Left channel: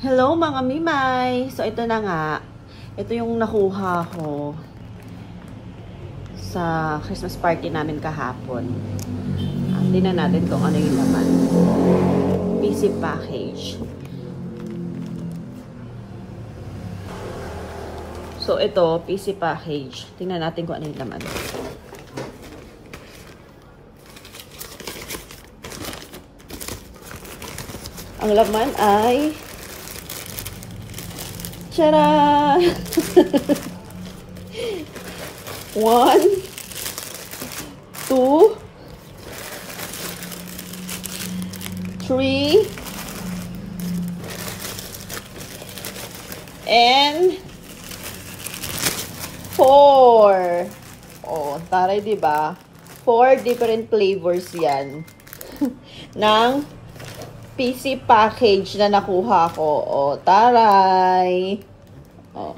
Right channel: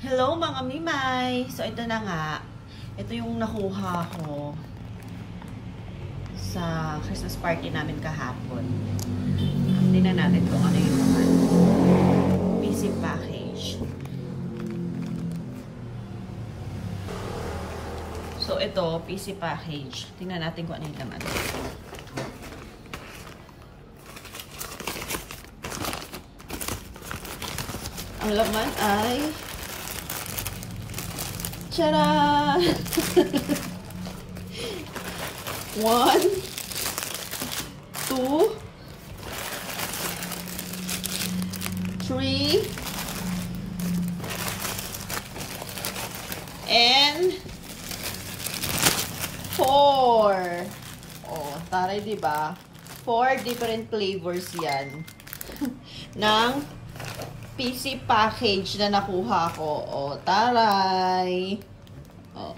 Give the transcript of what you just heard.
Hello mga Mimay! So ito na nga. Ito yung nakuha ko sa Christmas party namin kahapon. Tingnan natin kung ano yung naman. PC package. So ito, PC package. Tingnan natin kung ano yung laman. Ang laman ay tara! 1, 2, 3, and 4. Oh, taray, diba? 4 different flavors yan ng PC package na nakuha ko. Oh, taray! Oh.